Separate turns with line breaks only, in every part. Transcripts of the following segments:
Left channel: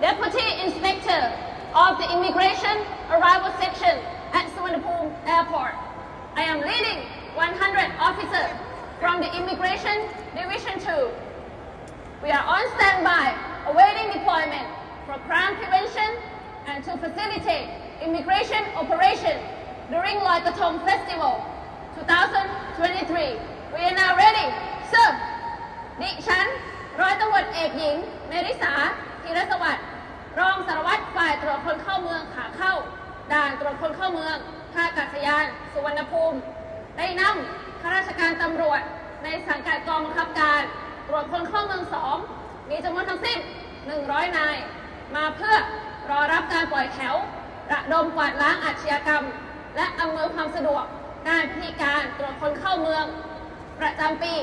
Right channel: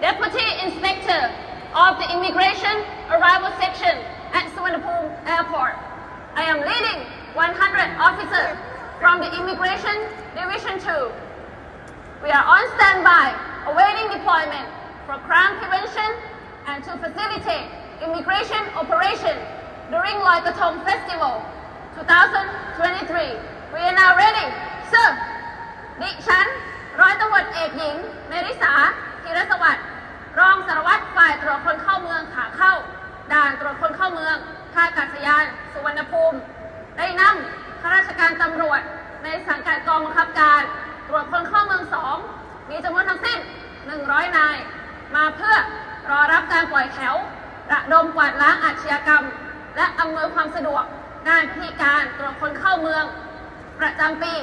Deputy Inspector of the Immigration Arrival Section at Suvarnabhumi Airport. I am leading 100 officers from the Immigration Division 2. We are on standby, awaiting deployment for crime prevention and to facilitate immigration operation during Loi Krathong Festival 2023. We are now ready. Sir, ดิฉัน ร้อยตำรวจเอกหญิงเมริสาธีรสวัสดิ์ รองสารวัตรฝ่ายตรวจคนเข้าเมืองขาเข้า ด่านตรวจคนเข้าเมืองท่าอากาศยาน สุวรรณภูมิ ได้นำข้าราชการตำรวจ ในสังกัดกองบังคับการ ตรวจคนเข้าเมืองสองมีจำนวนทั้งสิ้น 100 นาย มาเพื่อรอรับการปล่อยแถวระดมกวาดล้างอาชญากรรม และอำนวยความสะดวกด้านพิธีการตรวจคนเข้าเมือง ประจำปี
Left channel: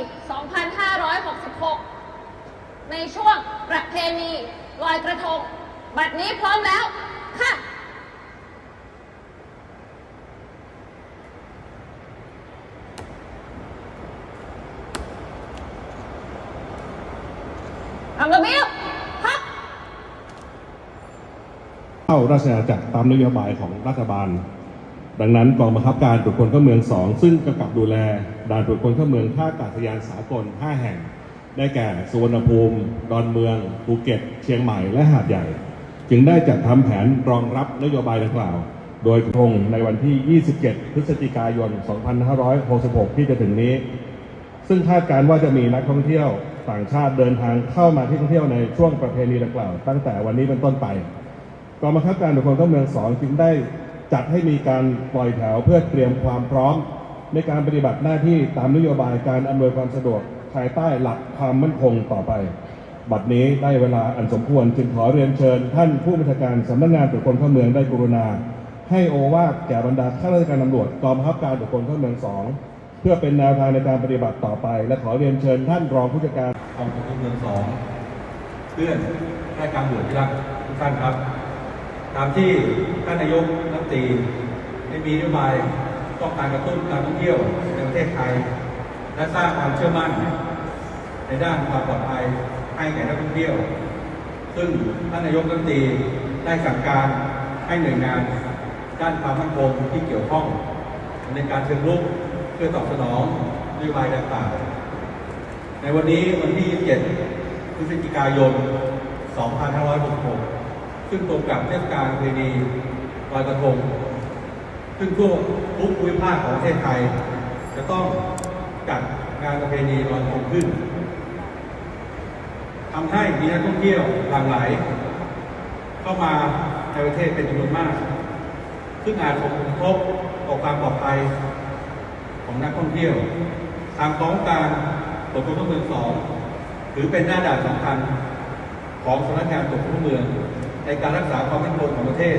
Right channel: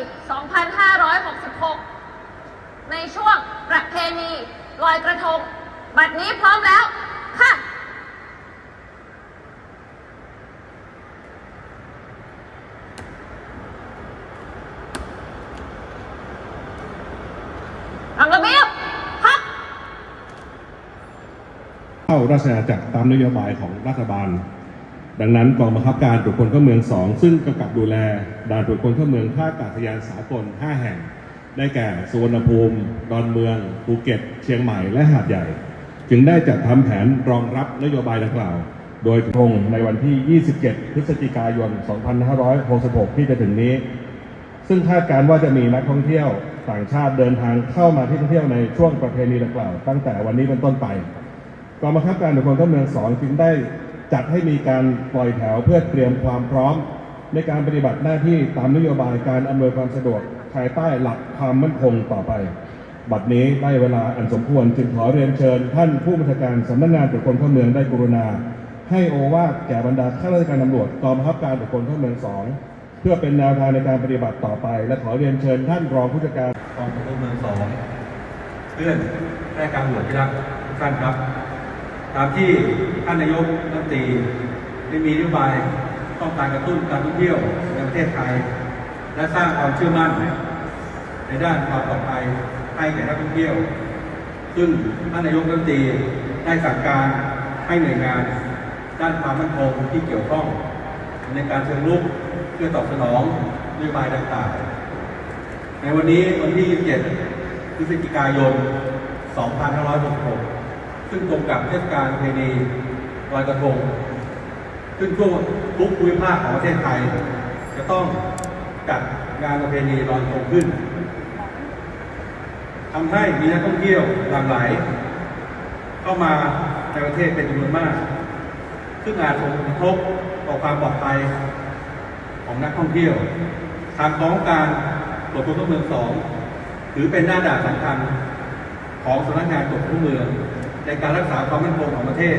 2566 ในช่วงประเพณีลอยกระทง บัดนี้พร้อมแล้ว ค่ะทำระเบียบพัก
เข้าราชอาณาจักรตามนโยบายของรัฐบาล ดังนั้นกองบังคับการตรวจคนเข้าเมือง 2 ซึ่งกำกับดูแลด่านตรวจคนเข้าเมืองท่าอากาศยานสากล 5 แห่งได้แก่สุวรรณภูมิ ดอนเมือง ภูเก็ต เชียงใหม่ และหาดใหญ่ จึงได้จัดทำแผนรองรับนโยบายดังกล่าว โดยตรงในวันที่ 27 พฤศจิกายน 2566 ที่จะถึงนี้ ซึ่งคาดการณ์ว่าจะมีนักท่องเที่ยวต่างชาติเดินทางเข้ามาที่ท่องเที่ยวในช่วงประเพณีดังกล่าว ตั้งแต่วันนี้เป็นต้นไปกองบังคับการตรวจคนเข้าเมืองสองจึงได้จัดให้มีการปล่อยแถวเพื่อเตรียมความพร้อม ในการปฏิบัติหน้าที่ตามนโยบายการอำนวยความสะดวกภายใต้หลักความมั่นคงต่อไป บัดนี้ได้เวลาอันสมควรจึงขอเรียนเชิญ ท่านผู้บัญชาการสำนักงานตรวจคนเข้าเมืองได้กรุณา ให้โอวาทแก่บรรดาข้าราชการตำรวจกองบังคับการตรวจคนเข้าเมืองสองเพื่อเป็นแนวทางในการปฏิบัติต่อไป และขอเรียนเชิญท่านรองผู้จัดการ
กองทุนเมืองสองเพื่อนและการหลวที่รักทุกท่านครับ ตามที่ท่านนายกรัฐมนตรีได้มีนโยบายต้องการกระตุ้นการท่องเที่ยวในประเทศไทย และสร้างความเชื่อมั่น ในด้านความปลอดภัยให้แก่นักท่องเที่ยว ซึ่งท่านนายกรัฐมนตรีได้สั่งการให้หน่วยงานด้านความมั่นคงที่เกี่ยวข้องในการเชิงรุกเพื่อตอบสนองนโยบายดังกล่าวในวันนี้วันที่ 27 พฤศจิกายน 2566 ซึ่งตรงกับเทศกาลเพณีลอยกระทง ซึ่งทั่วทุกภูมิภาคของประเทศไทย จะต้องจัดงานประเพณีลอยกระทงขึ้น ทำให้มีนักท่องเที่ยวหลั่งไหล เข้ามาในประเทศเป็นจำนวนมาก ซึ่งอาจส่งผลกระทบต่อความปลอดภัยของนักท่องเที่ยว ทางของการตรวจคนเข้าเมืองสองถือเป็นหน้าด่านสำคัญของสำนักงานตรวจคนเข้าเมือง ในการรักษาความมั่นคงของประเทศ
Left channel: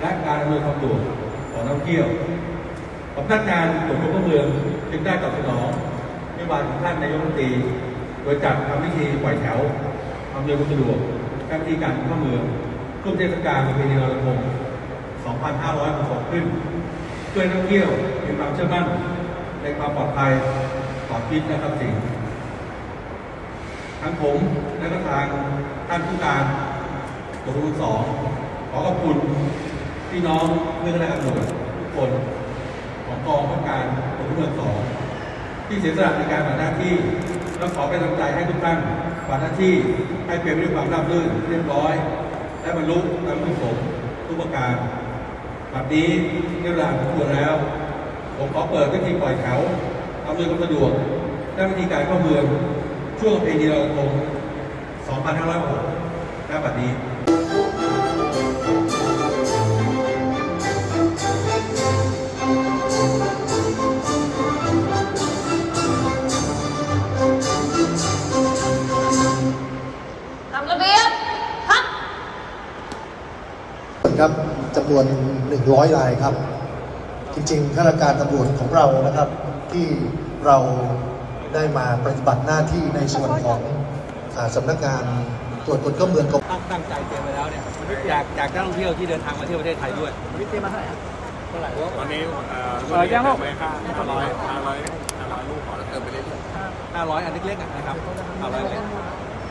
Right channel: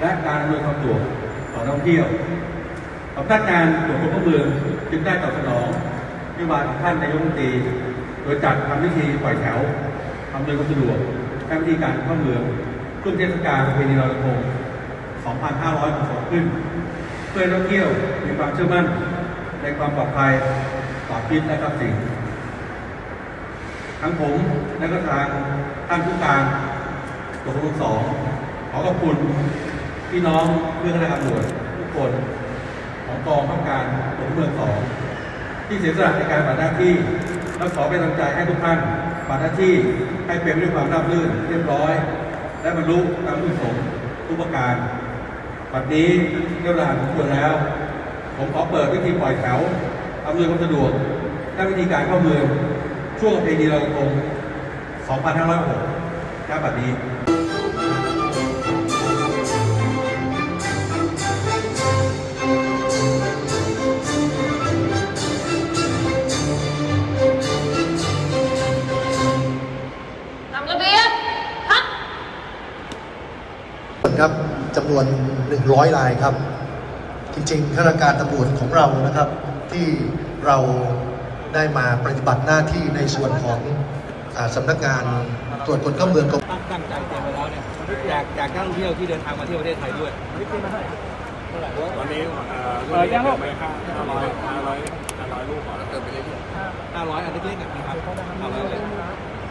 และการอำนวยความสะดวกต่อนักท่องเที่ยวสำนักงานตรวจคนเข้าเมืองจึงได้ตอบสนองนโยบายของท่านนายกรัฐมนตรี โดยจัดทำพิธีปล่อยแถวอำนวยความสะดวกและวิธีการเข้าเมืองขึ้นเทศกาลประเพณีลอยกระทง2,562ขึ้น เพื่อนักเที่ยวมีความเชื่อมั่นในความปลอดภัยต่อชีวิตและทรัพย์สินทั้งผมและก็ทางท่านผู้การตำรวจสองขอขอบคุณพี่น้องเพื่อนและตำรวจทุกคนของกองข้าการตำรวจเมืองสองที่เสียสละในการปฏิบัติหน้าที่ และขอเป็นกำลังใจให้ทุกท่านปฏิบัติหน้าที่ให้เป็นไปด้วยความราบรื่นเรียบร้อย และบรรลุตามที่สมทุกประการบัดนี้เรียบร้อยทุกคนแล้ว ผมขอเปิดวิธีปล่อยแถวอำนวยความสะดวกและวิธีการเข้าเมืองช่วงปีนี้ลอยกระทง2506ณบัดนี้
วน 100รายครับ จริงๆข้าราชการตำรวจของเรานะครับ ที่เราได้มาปฏิบัติหน้าที่ในส่วนของอาสำนักงานตรวจคนเข้าเมืองกรม
ตั้งตั้งใจเตรียมไว้แล้วเนี่ยอยากอยากนักท่องเที่ยวที่เดินทางมาเที่ยวประเทศไทยด้วยนี่เตรียมมาเท่าไหร่เท่าไหร่
วันนี้เอ่อ
เออยังลูก
ไปห้าห้าร้อยห้าร้อยห้าร้อยลูกก่อนแล้วเติมไปเรื่อย
ห้าร้อยอันเล็กๆอะนะครับห้าร้อยเล็ก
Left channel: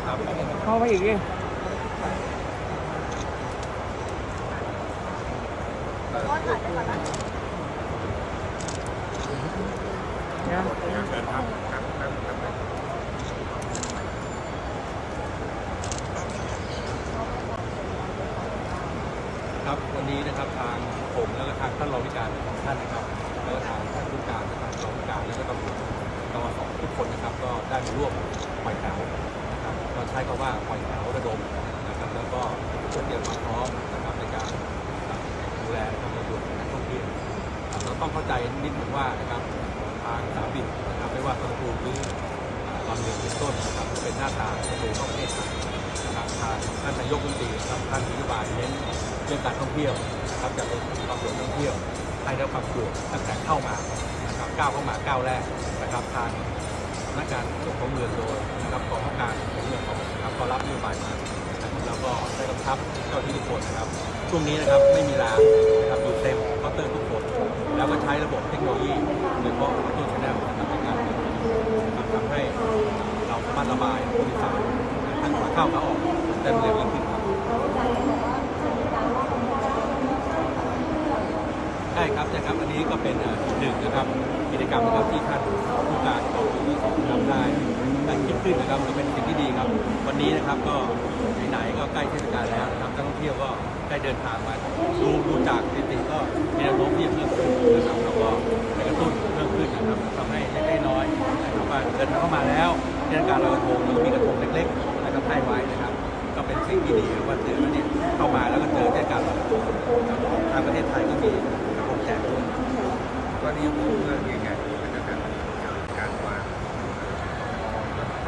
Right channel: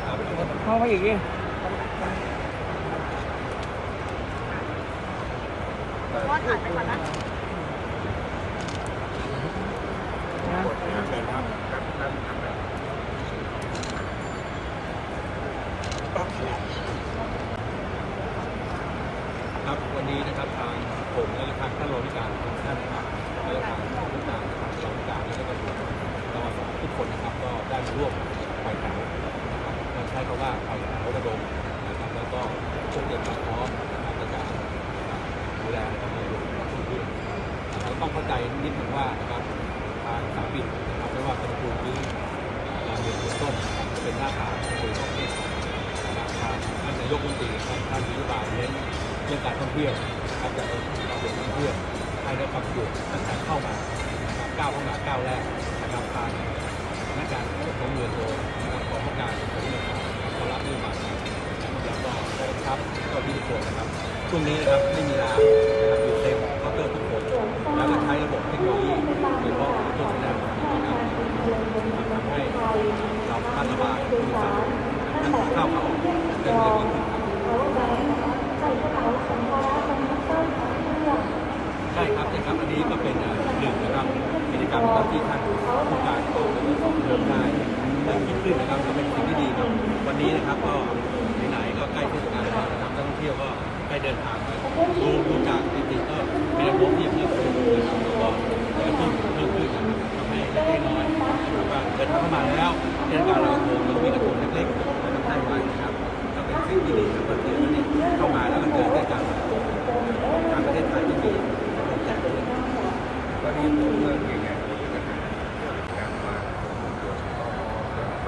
ครับ
เข้าไปอีกดิ
เชิญ ครับ
วันนี้นะครับทางผมและทางท่านรองผู้การทุกท่านนะครับแล้วก็ทางท่านผู้การทางรองผู้การแล้วก็ตำรวจตมสทุกคนนะครับ ก็ได้มาร่วมปล่อยแถวนะครับเราใช้คำว่าปล่อยแถวระดมนะครับแล้วก็เพื่อเตรียมความพร้อมนะครับในการ ดูแลนะครับในเรื่องของนักท่องเที่ยวเราต้องเข้าใจนิดหนึ่งว่านะครับทางสาบินนะครับไม่ว่าสุวรรณภูมิหรือลำเลียงเป็นต้นนะครับเป็นหน้าตาประตูเข้าประเทศไทยนะครับทางท่านนายกรัฐมนตรีครับท่านนโยบายเน้นเรื่องการท่องเที่ยวนะครับจากความเป็นท่องเที่ยวให้ได้ความสะดวกตั้งแต่เข้ามานะครับก้าวเข้ามาก้าวแรกนะครับทางสำนักงานขนส่งของเมืองโดยนะครับกองข้าการของเมืองของนะครับก็รับนโยบายมานะครับแล้วก็ได้กำชับเจ้าที่ทุกคนนะครับ ช่วงนี้นะครับไม่มีลานะครับอยู่เต็มเคาน์เตอร์ทุกคน แล้วก็ใช้ระบบเทคโนโลยีโดยเฉพาะเคาน์เตอร์ไฟแนนซ์นะครับในการเดินมันทำให้เราสามารถระบายผู้โดยสารทั้งขาเข้าขาออกได้เร็วยิ่งขึ้นครับใช่ครับใช่ครับอันนี้ก็เป็นหนึ่งนะครับกิจกรรมนะครับที่ท่านผู้การกองทัพสองลงได้ได้คิดขึ้นนะครับก็เป็นสิ่งที่ดีครับ วันนี้นะครับก็ไหนๆก็ใกล้เทศกาลแล้วนะครับนักท่องเที่ยวก็ ได้เดินทางมาดูดูจากสถิติก็มีแนวโน้มที่จะเพิ่มขึ้นนะครับเราก็จะกระตุ้นเพิ่มขึ้นนะครับทำให้เล็กๆน้อยนะครับว่าเดินทางเข้ามาแล้วเทศกาลลอยกระทงแล้วมีกระทงเล็กๆนะครับให้ไว้นะครับ ก็เป็นสิ่งที่ดีวันเกิดเนี่ยเข้ามาแล้วก็เจอเทศกาลลอยกระทงทางประเทศไทยก็มีกระทงแจกด้วย
ตอนนี้ผมเรื่องยังไงผมก็จะเป็นเรื่องการวางตัวตมแล้วก็ไป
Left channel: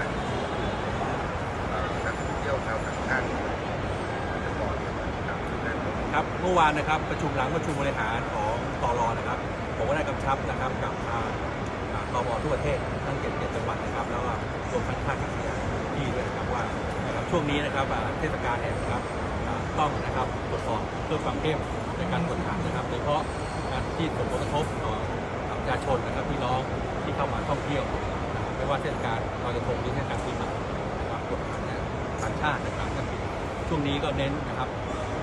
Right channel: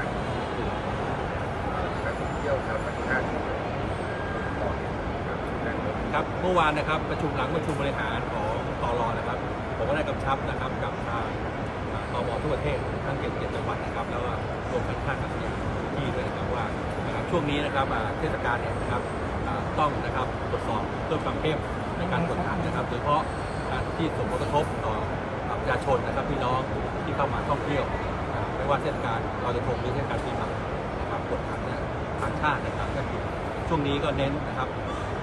นักท่องเที่ยวชาวต่างชาติเป็นต่อเนี่ยนะครับซึ่ง
ครับเมื่อวานนะครับประชุมหลังประชุมบริหารของตรนะครับผมก็ได้กำชับนะครับกับทางอ่าตมทั่วประเทศทั้งเจ็ดเจ็ดจังหวัดนะครับ แล้วก็รวมทั้งท่ากาศยานที่ด้วยนะครับว่านะครับช่วงนี้นะครับเทศกาลเนี่ยนะครับต้องนะครับตรวจสอบเพิ่มความเข้มในการตรวจขันนะครับโดยเฉพาะที่ส่งผลกระทบต่อประชาชนนะครับพี่น้องที่เข้ามาท่องเที่ยว ไม่ว่าเทศกาลลอยกระทงหรือเทศกาลปีใหม่นะครับตรวจขันเนี่ยทางชาตินะครับก็คือช่วงนี้ก็เน้นนะครับ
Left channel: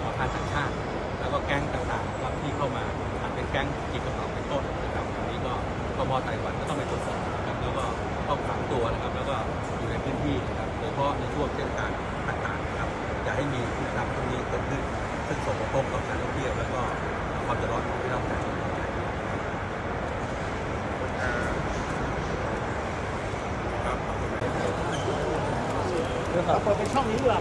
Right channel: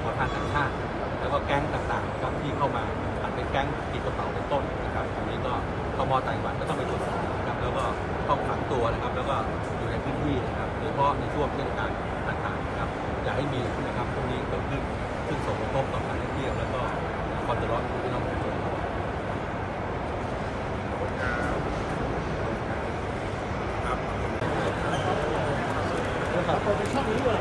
ขอทานต่างชาติ แล้วก็แก๊งต่างๆครับที่เข้ามาอาจเป็นแก๊งกีดกระเป๋าเป็นต้นนะครับอันนี้ก็ตมไต้หวันก็ต้องไปตรวจสอบนะครับแล้วก็ต้องขังตัวนะครับ แล้วก็อยู่ในพื้นที่นะครับโดยเฉพาะในช่วงเทศกาลต่างๆนะครับอย่าให้มีนะครับตรงนี้เกิดขึ้นซึ่งส่งผลกระทบต่อการท่องเที่ยวแล้วก็ความเดือดร้อนของพี่น้องประชาชน
ครับขอบคุณ
เขาเขาจะแท็กซี่ใครไปช่วย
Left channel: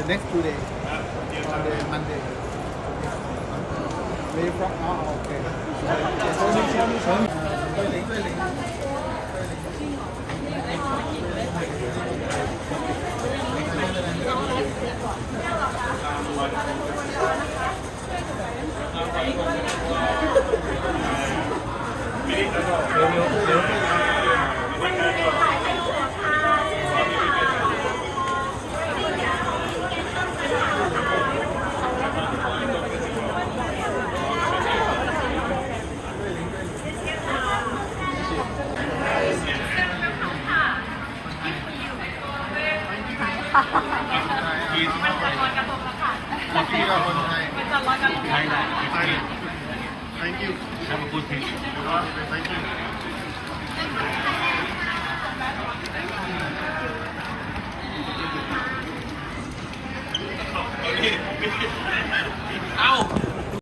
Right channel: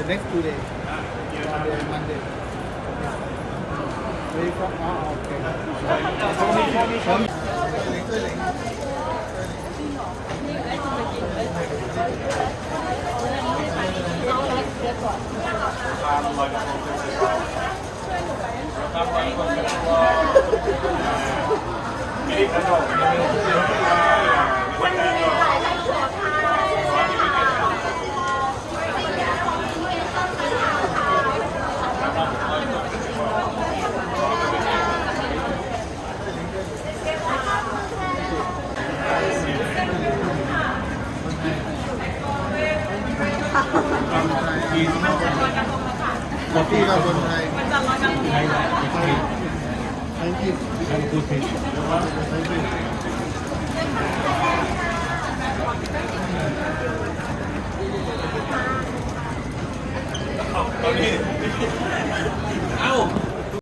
The
next two days, on the Monday. Where you from? Oh, okay. Show me, show me,
ที่เราคนไทยไทยแหละไทย
Thank you.
have a good day
Thank you.
ค